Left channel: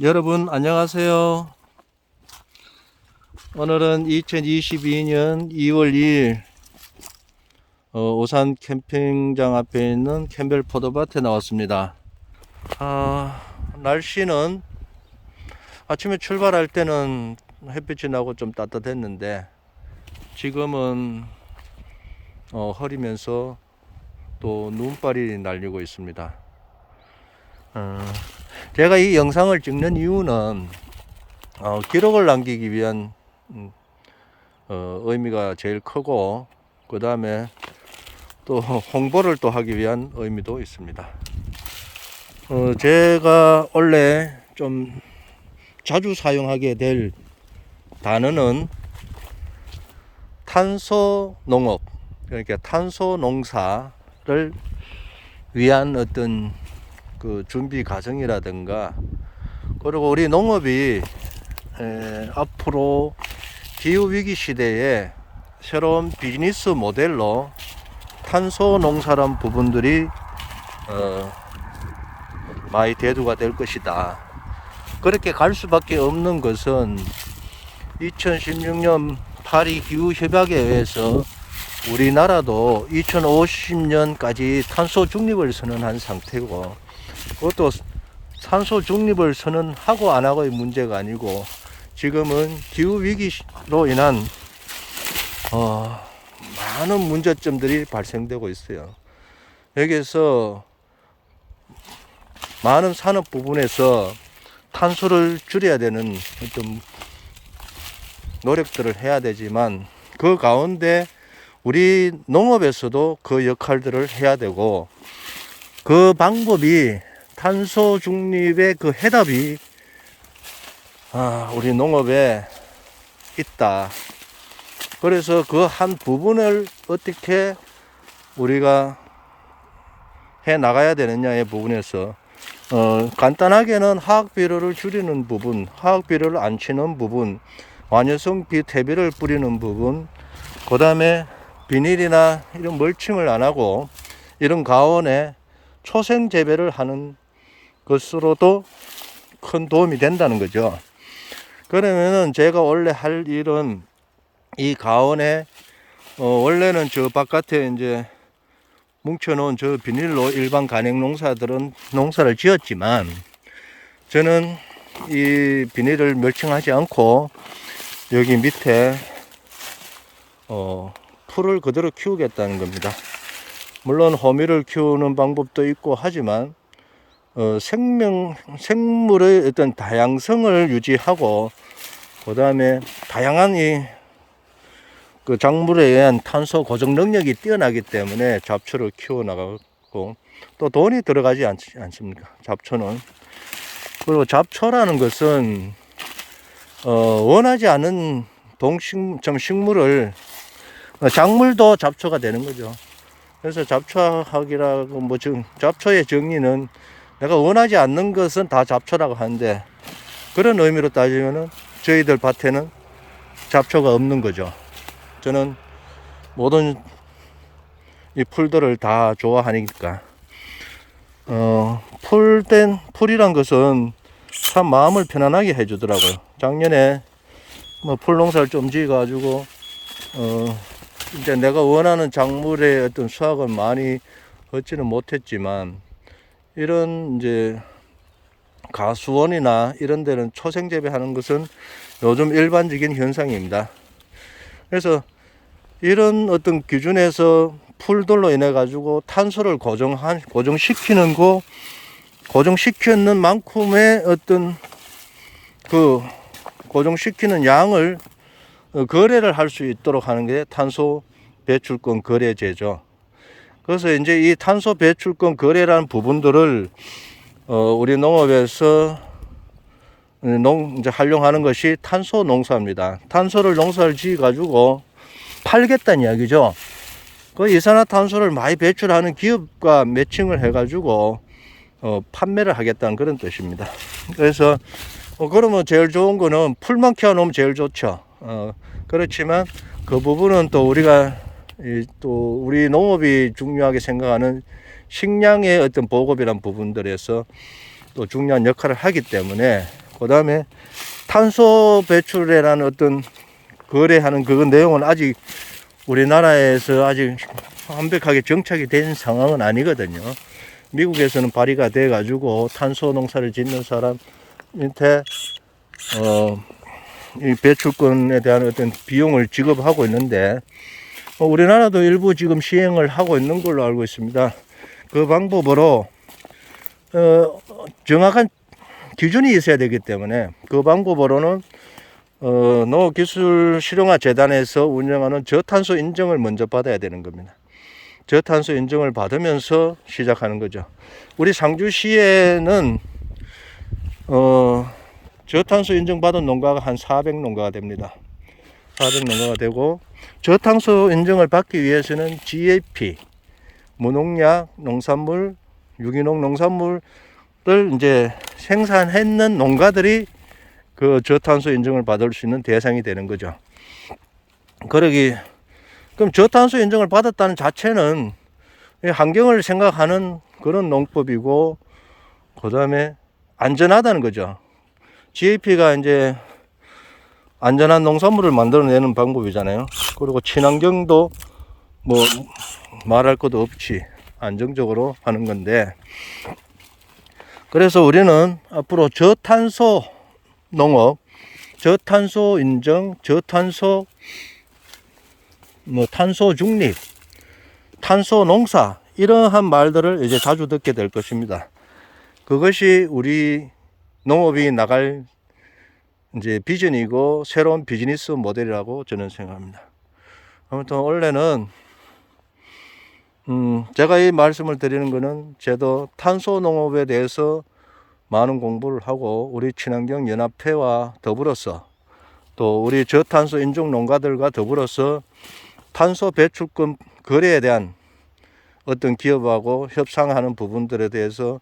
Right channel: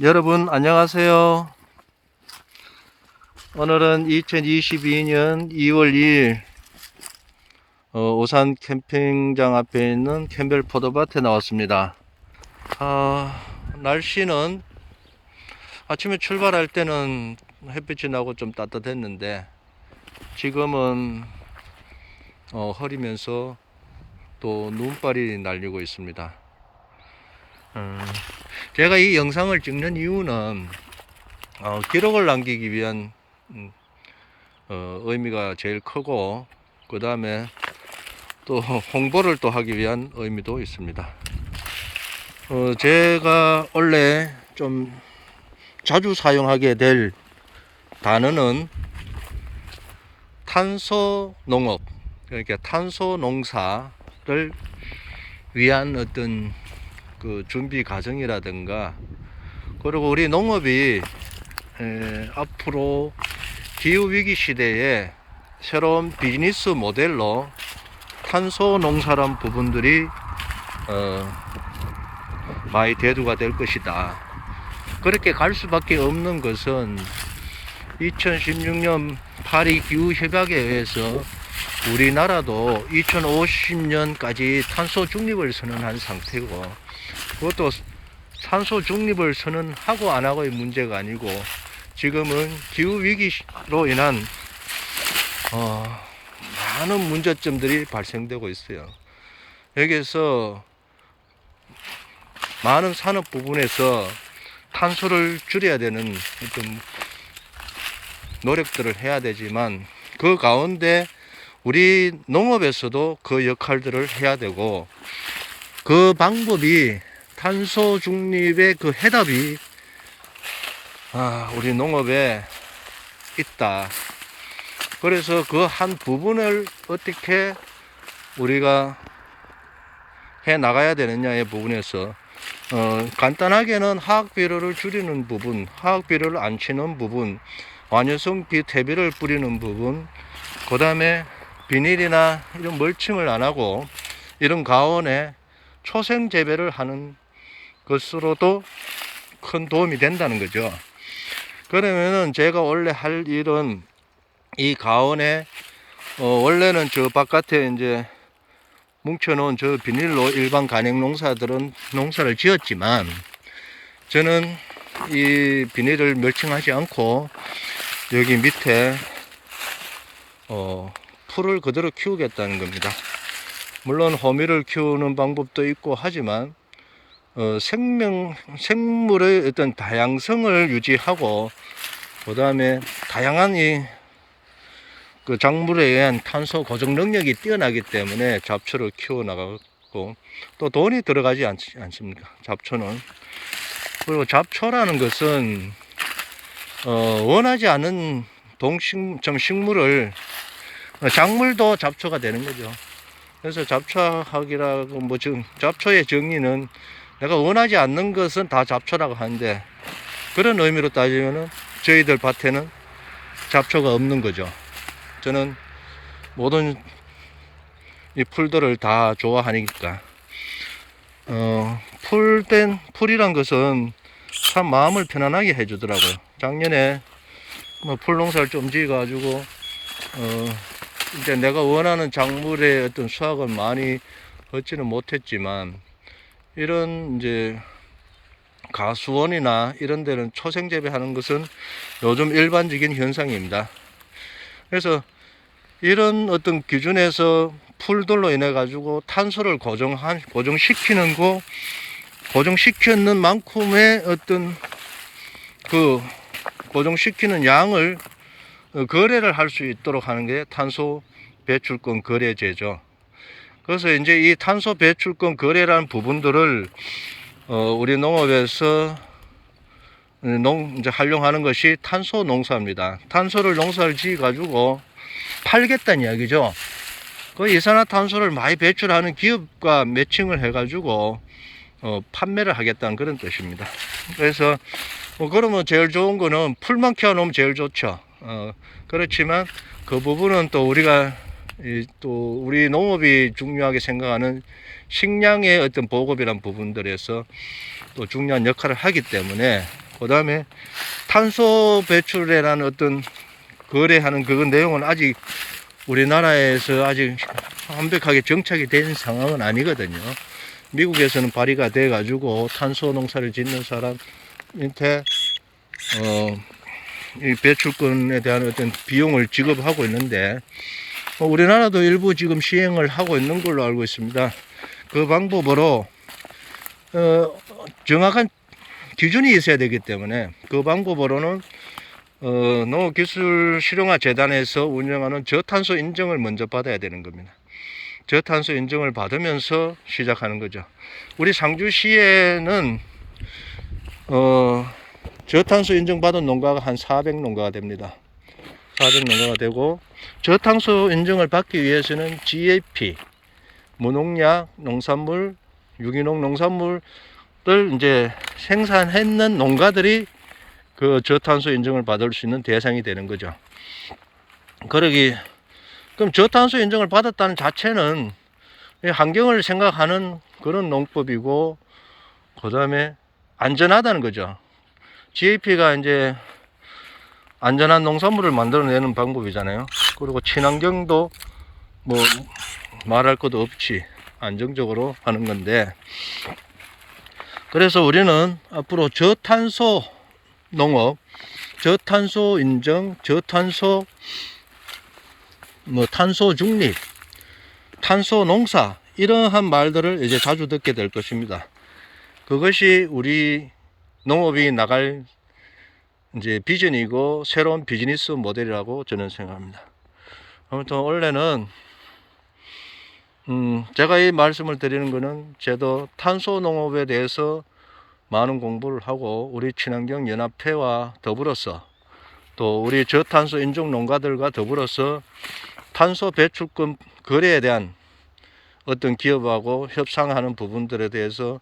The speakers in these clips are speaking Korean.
여러분 안녕하세요. 오늘은 2022년 2월 2일 오산 캠핑장 앞에 있는 캠벨 포도밭에 나왔습니다. 날씨는 아침에 출발할 때는 햇빛이 나고 좀 따뜻했는데 지금은 흐리면서 또 눈발이 날리고 있습니다. 제가 이 영상을 찍는 이유는 기록을 남기기 위한 의미가 제일 크고, 그 다음에 또 홍보를 또 하기 위한 의미도 있습니다. 제가 원래 좀 자주 사용하게 될 단어는 탄소 농업, 그러니까 탄소 농사를 위한 어떤 그 준비 과정이라든가, 그리고 우리 농업이 앞으로 기후위기 시대에 새로운 비즈니스 모델로 탄소 농사란 부분들이 많이 대두가 될 것이다. 그렇게 갈 수밖에 없는 것은 2016년 파리 기후협약에 의해서 우리나라도 2050년까지 탄소 중립을 선언한 상태고, 그것도 탄소 중립을 선언하고 안 하고의 문제가 아니고 지금은 기후위기로 인한 많은 문제점들이 발생되고 있어요. 여기에서 많은 산업 부분에서 탄소를 줄여야 되는 어떤 노력들을 해야 되지만, 그 가운데 우리 농업에서도 그 역할들을 해야 되고, 그 방법이 탄소 중립의 그 해답이 우리 농업에 있다. 그래서 그 한 부분을 어떻게 우리가 해 나가야 되느냐의 부분에서 간단하게는 화학 비료를 줄이는 부분, 화학 비료를 안 치는 부분, 완효성 대비를 뿌리는 부분, 그 다음에 비닐이나 이런 멀칭을 안 하고 이런 가온에 초생 재배를 하는 것으로도 큰 도움이 된다는 거죠. 그러면은 제가 원래 할 일은 이 가온에 원래는 저 바깥에 이제 뭉쳐놓은 저 비닐로 일반 간행 농사들은 농사를 지었지만, 저는 이 비닐을 멀칭하지 않고 여기 밑에 풀을 그대로 키우겠다는 겁니다. 물론 호미를 키우는 방법도 있고 하지만 생물의 어떤 다양성을 유지하고, 그 다음에 다양한 그 작물에 의한 탄소 고정 능력이 뛰어나기 때문에 잡초를 키워 나가고, 또 돈이 들어가지 않습니까? 잡초는. 그리고 잡초라는 것은 원하지 않은 식물을, 작물도 잡초가 되는 거죠. 그래서 잡초학이라고 잡초의 정의는 내가 원하지 않는 것은 다 잡초라고 하는데, 그런 의미로 따지면은 저희들 밭에는 잡초가 없는 거죠. 저는 모든 이 풀들을 다 좋아하니까. 풀이란 것은 참 마음을 편안하게 해주더라고요. 작년에 풀 농사를 좀 지어가지고 이제 내가 원하는 작물의 어떤 수확은 많이 얻지는 못했지만, 이런 이제 가수원이나 이런 데는 초생 재배하는 것은 요즘 일반적인 현상입니다. 그래서 이런 어떤 기준에서 풀들로 인해 가지고 탄소를 고정시키는 고정시키는 만큼의 어떤 그 고정시키는 양을 거래를 할 수 있도록 하는 게 탄소 배출권 거래제죠. 그래서 이제 이 탄소 배출권 거래라는 부분들을 우리 농업에서 이제 활용하는 것이 탄소 농사입니다. 탄소를 농사를 지어 가지고 팔겠다는 이야기죠. 그 이산화탄소를 많이 배출하는 기업과 매칭을 해 가지고 판매를 하겠다는 그런 뜻입니다. 그래서 그러면 제일 좋은 거는 풀만 키워 놓으면 제일 좋죠. 그렇지만 그 부분은 또 우리가 또 우리 농업이 중요하게 생각하는 식량의 어떤 보급이란 부분들에서 또 중요한 역할을 하기 때문에 그 다음에 탄소 배출이라는 어떤 거래하는 그 내용은 아직 우리나라에서 아직 완벽하게 정착이 된 상황은 아니거든요. 미국에서는 발의가 돼 가지고 탄소 농사를 짓는 사람한테 이 배출권에 대한 어떤 비용을 지급하고 있는데, 우리나라도 일부 지금 시행을 하고 있는 걸로 알고 있습니다. 그 방법으로 정확한 기준이 있어야 되기 때문에 그 방법으로는 농업기술실용화재단에서 운영하는 저탄소 인증을 먼저 받아야 되는 겁니다. 저탄소 인증을 받으면서 시작하는 거죠. 우리 상주시에는 저탄소 인증 받은 농가가 한 400농가가 됩니다. 400농가가 되고, 저탄소 인증을 받기 위해서는 GAP, 무농약 농산물, 유기농 농산물을 이제 생산했는 농가들이 그 저탄소 인증을 받을 수 있는 대상이 되는 거죠. 그럼 저탄소 인증을 받았다는 자체는 환경을 생각하는 그런 농법이고, 그 다음에 안전하다는 거죠. GAP가 이제 안전한 농산물을 만들어내는 방법이잖아요. 그리고 친환경도 뭐 말할 것도 없이 안정적으로 하는 건데, 그래서 우리는 앞으로 저탄소 농업, 저탄소 인증, 저탄소 탄소 중립, 탄소 농사, 이러한 말들을 이제 자주 듣게 될 것입니다. 그것이 우리 농업이 나갈 이제 비전이고 새로운 비즈니스 모델이라고 저는 생각합니다. 아무튼 원래는 제가 이 말씀을 드리는 거는 저도 탄소 농업에 대해서 많은 공부를 하고 우리 친환경 연합회와 더불어서 또 우리 저탄소 인증 농가들과 더불어서 탄소 배출권 거래에 대한 어떤 기업하고 협상하는 부분들에 대해서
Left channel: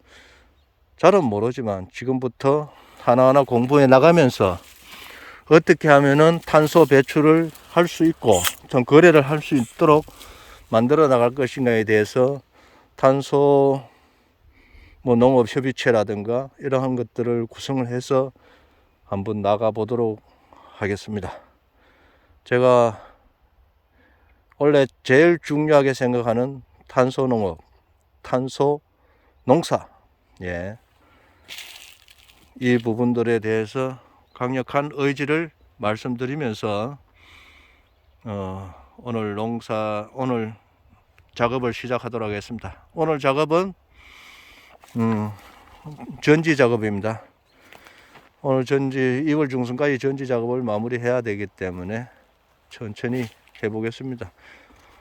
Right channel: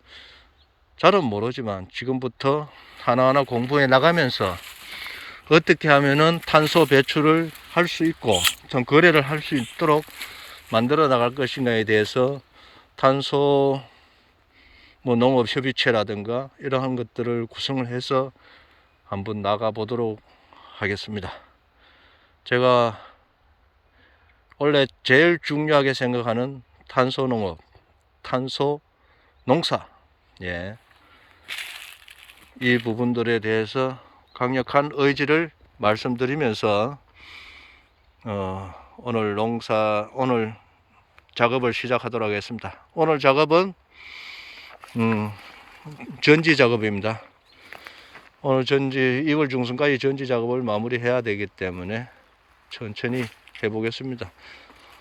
잘은 모르지만 지금부터 하나하나 공부해 나가면서 어떻게 하면은 탄소 배출을 할 수 있고 전 거래를 할 수 있도록 만들어 나갈 것인가에 대해서 탄소 농업협의체라든가 이러한 것들을 구성을 해서 한번 나가 보도록 하겠습니다. 제가 원래 제일 중요하게 생각하는 탄소 농업, 탄소 농사, 이 부분들에 대해서 강력한 의지를 말씀드리면서 오늘 작업을 시작하도록 하겠습니다. 오늘 작업은 전지 작업입니다. 오늘 2월 중순까지 전지 작업을 마무리해야 되기 때문에 천천히 해보겠습니다.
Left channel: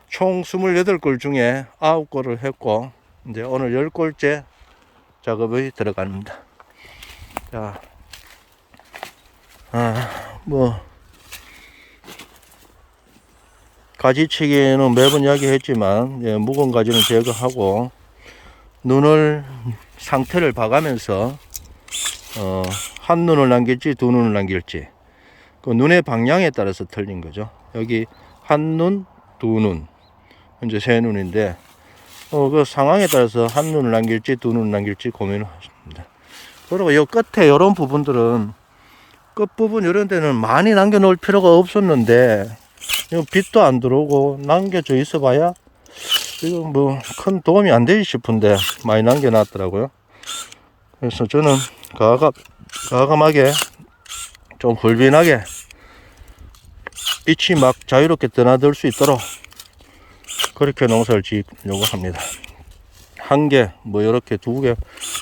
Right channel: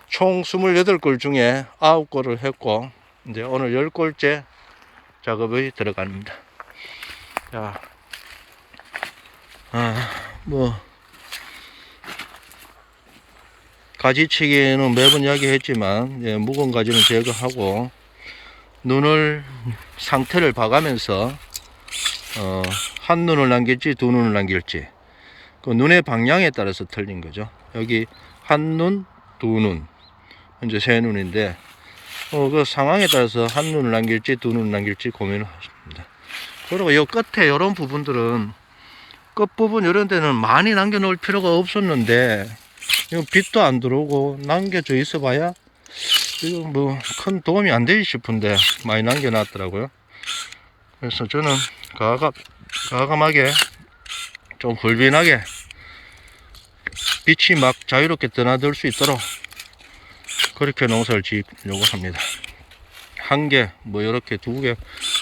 총 28골 중에 9골을 했고 이제 오늘 10골째 작업이 들어갑니다. 자, 가지치기는 매번 이야기했지만 묵은 가지는 제거하고 눈을 상태를 봐가면서 한 눈을 남길지 두 눈을 남길지 그 눈의 방향에 따라서 틀린 거죠. 여기 한 눈, 두 눈, 현재 세 눈인데 그 상황에 따라서 한 눈을 남길지 두 눈을 남길지 고민을 하십니다. 그리고 이 끝에 이런 부분들은 끝부분 이런 데는 많이 남겨 놓을 필요가 없었는데 빛도 안 들어오고 남겨져 있어 봐야 이거 뭐 큰 도움이 안 되지 싶은데 많이 남겨 놨더라고요. 그래서 저는 과감하게 좀 훌빈하게 빛이 막 자유롭게 드나들 수 있도록 그렇게 농사를 지으려고 합니다. 한 개, 이렇게 두 개.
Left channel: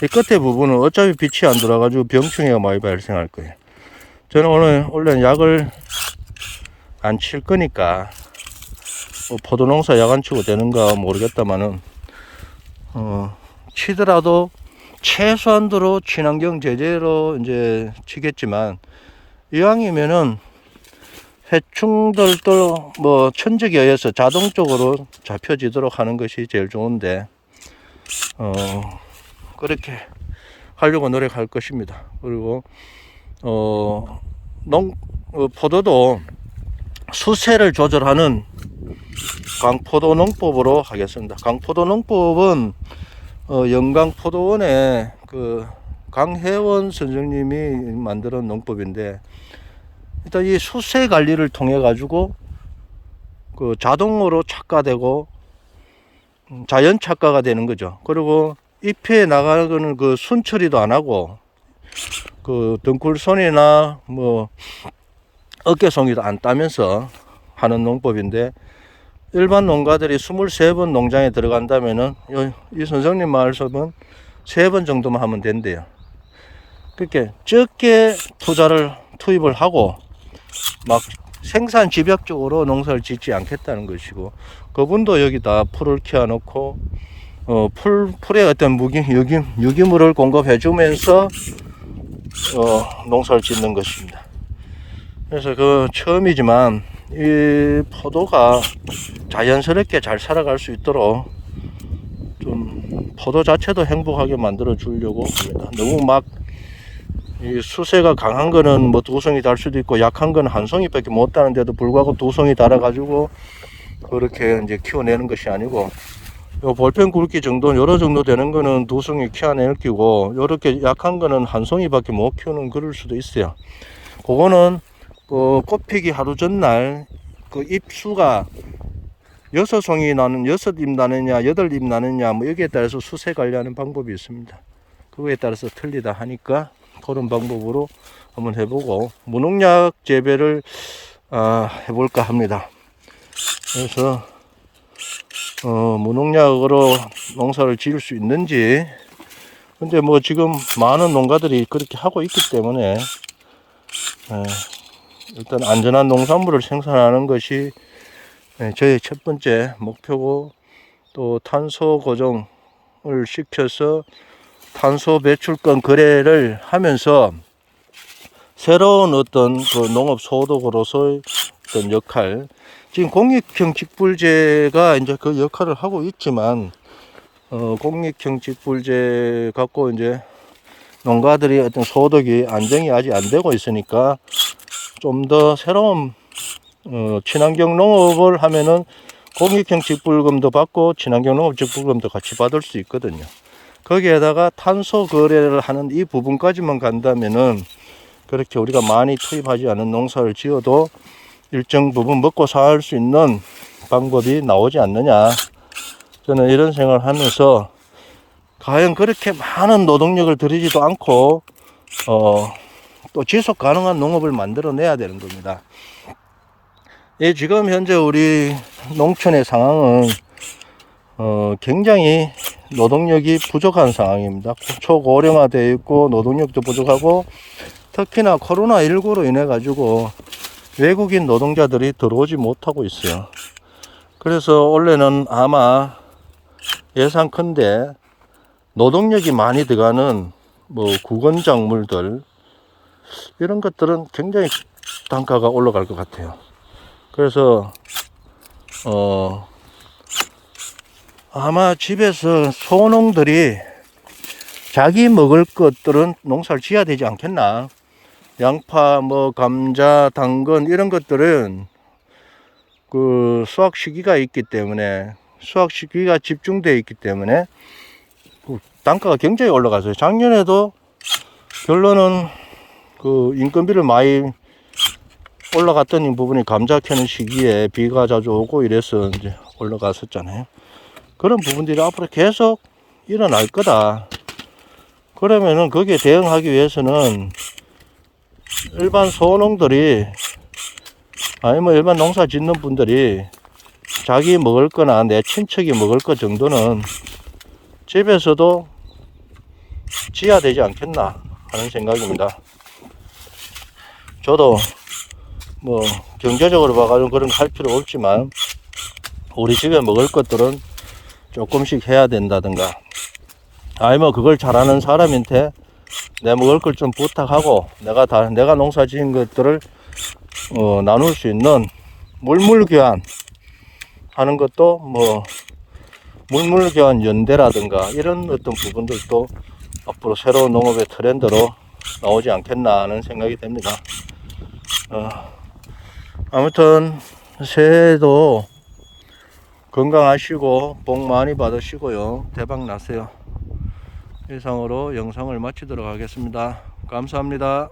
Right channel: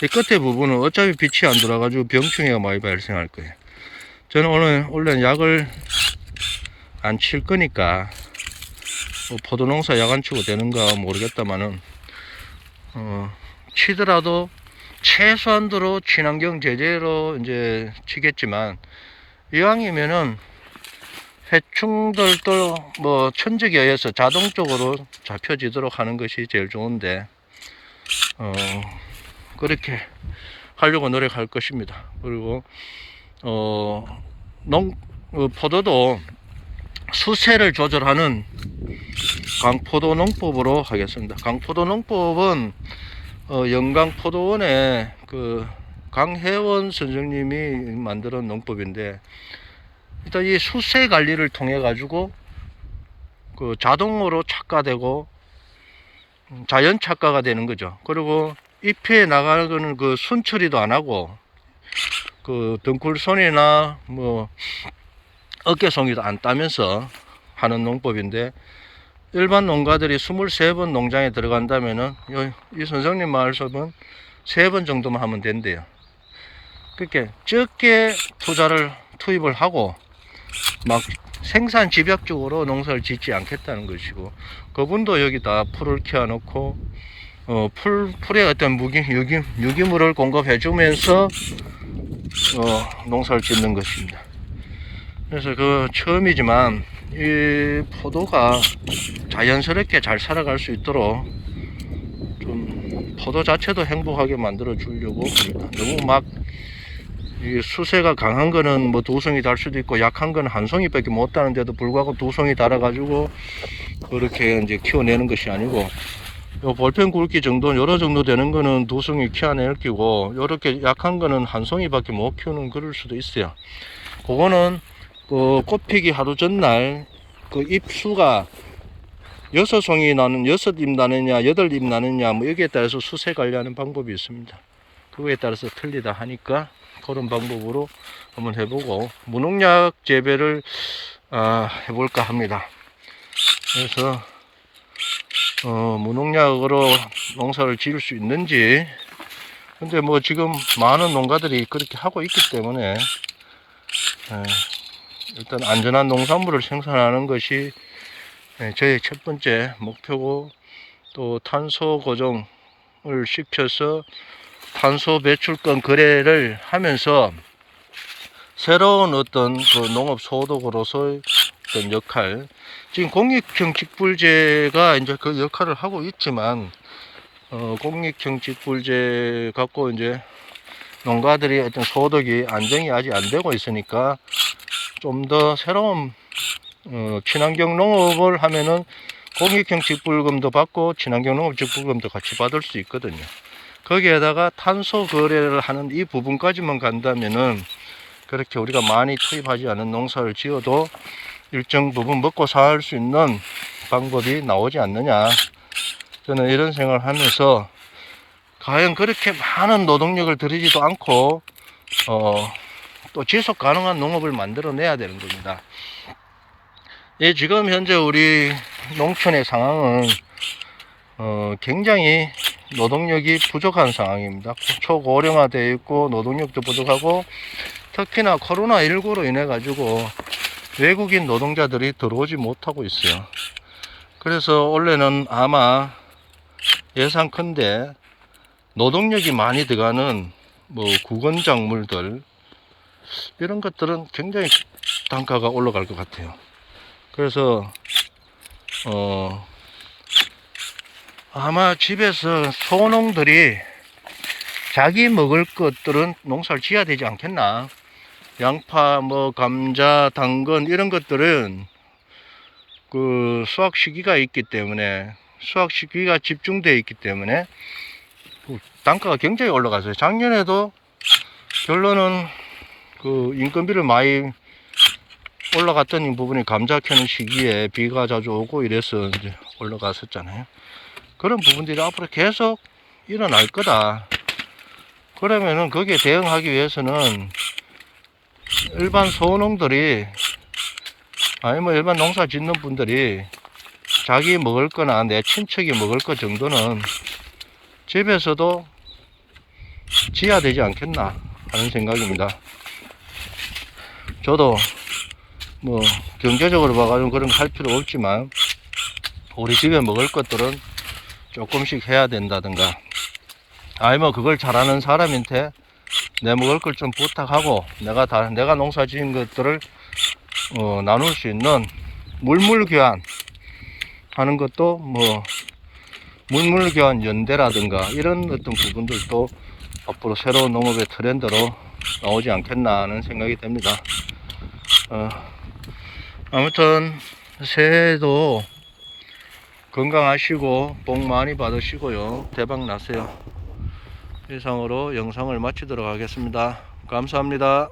이 끝에 부분은 어차피 빛이 안 들어가지고 병충해가 많이 발생할 거예요. 저는 원래는 약을 안 칠 거니까, 포도 농사 약 안 치고 되는가 모르겠다마는, 치더라도 최소한도로 친환경 제재로 이제 치겠지만, 이왕이면은 해충들도 천적에 의해서 자동적으로 잡혀지도록 하는 것이 제일 좋은데, 그렇게 하려고 노력할 것입니다. 그리고 포도도 수세를 조절하는 강포도 농법으로 하겠습니다. 강포도 농법은 영광포도원의 그 강혜원 선생님이 만든 농법인데, 일단 이 수세 관리를 통해 가지고 그 자동으로 착과되고 자연 착과가 되는 거죠. 그리고 잎에 나가는 그 순처리도 안 하고 그 등굴손이나 뭐 어깨송이도 안 따면서 하는 농법인데, 일반 농가들이 23번 농장에 들어간다면은 이 선생님 말씀은 3번 정도만 하면 된대요. 그렇게 적게 투입을 하고 막 생산 집약적으로 농사를 짓지 않겠다는 것이고, 그분도 여기다 풀을 키워 놓고 풀에 어떤 유기물을 공급해 주면서 농사를 짓는 것입니다. 그래서 그 처음이지만 이 포도가 자연스럽게 잘 살아갈 수 있도록 좀 포도 자체도 행복하게 만들어 주려고 합니다. 너무 막 이 수세가 강한 거는 뭐 2송이 달 수도 있고, 약한 거는 1송이밖에 못 다는데도 불구하고 2송이 달아 가지고 그렇게 이제 키워내는 것이 아니고, 요 볼펜 굵기 정도, 요러 정도 되는 거는 2송이 키워낼 끼고, 요렇게 약한 거는 1송이밖에 못 키우는 그럴 수도 있어요. 그거는 그 꽃피기 하루 전날 그 잎수가 6송이 나는 6잎 나느냐 8잎 나느냐 뭐 여기에 따라서 수세 관리하는 방법이 있습니다. 그거에 따라서 틀리다 하니까 그런 방법으로 한번 해보고 무농약 재배를 해볼까 합니다. 그래서 무농약으로 농사를 지을 수 있는지, 근데 뭐 지금 많은 농가들이 그렇게 하고 있기 때문에 일단 안전한 농산물을 생산하는 것이 저희 첫 번째 목표고, 또 탄소 고정을 시켜서 탄소 배출권 거래를 하면서 새로운 어떤 그 농업 소득으로서의 어떤 역할, 지금 공익형 직불제가 이제 그 역할을 하고 있지만, 공익형 직불제 갖고 이제 농가들이 어떤 소득이 안정이 아직 안 되고 있으니까 좀 더 새로운 친환경 농업을 하면은 공익형 직불금도 받고 친환경 농업 직불금도 같이 받을 수 있거든요. 거기에다가 탄소 거래를 하는 이 부분까지만 간다면은 그렇게 우리가 많이 투입하지 않은 농사를 지어도 일정 부분 먹고 살 수 있는 방법이 나오지 않느냐, 저는 이런 생각을 하면서, 과연 그렇게 많은 노동력을 들이지도 않고 또 지속 가능한 농업을 만들어내야 되는 겁니다. 예, 지금 현재 우리 농촌의 상황은 굉장히 노동력이 부족한 상황입니다. 초고령화되어 있고 노동력도 부족하고, 특히나 코로나19로 인해 가지고 외국인 노동자들이 들어오지 못하고 있어요. 그래서 원래는 아마 예상컨대 노동력이 많이 들어가는 뭐 구건작물들, 이런 것들은 굉장히 단가가 올라갈 것 같아요. 그래서 아마 집에서 소농들이 자기 먹을 것들은 농사를 지어야 되지 않겠나. 양파, 뭐 감자, 당근 이런 것들은 그 수확 시기가 있기 때문에, 수확 시기가 집중되어 있기 때문에 단가가 굉장히 올라갔어요. 작년에도 결론은 그 인건비를 많이 올라갔던 부분이 감자 캐는 시기에 비가 자주 오고 이래서 이제 올라갔었잖아요. 그런 부분들이 앞으로 계속 일어날 거다. 그러면은 거기에 대응하기 위해서는 일반 소농들이, 아니 뭐 일반 농사 짓는 분들이 자기 먹을 거나 내 친척이 먹을 거 정도는 집에서도 지어야 되지 않겠나 하는 생각입니다. 저도 뭐 경제적으로 봐가지고 그런 거 할 필요 없지만, 우리 집에 먹을 것들은 조금씩 해야 된다든가, 아니 뭐 그걸 잘하는 사람한테 내 먹을 걸 좀 부탁하고 내가 농사 지은 것들을 나눌 수 있는 물물교환 하는 것도, 뭐 물물교환 연대라든가 이런 어떤 부분들도 앞으로 새로운 농업의 트렌드로 나오지 않겠나 하는 생각이 듭니다. 아무튼 새해에도 건강하시고 복 많이 받으시고요. 대박 나세요. 이상으로 영상을 마치도록 하겠습니다. 감사합니다.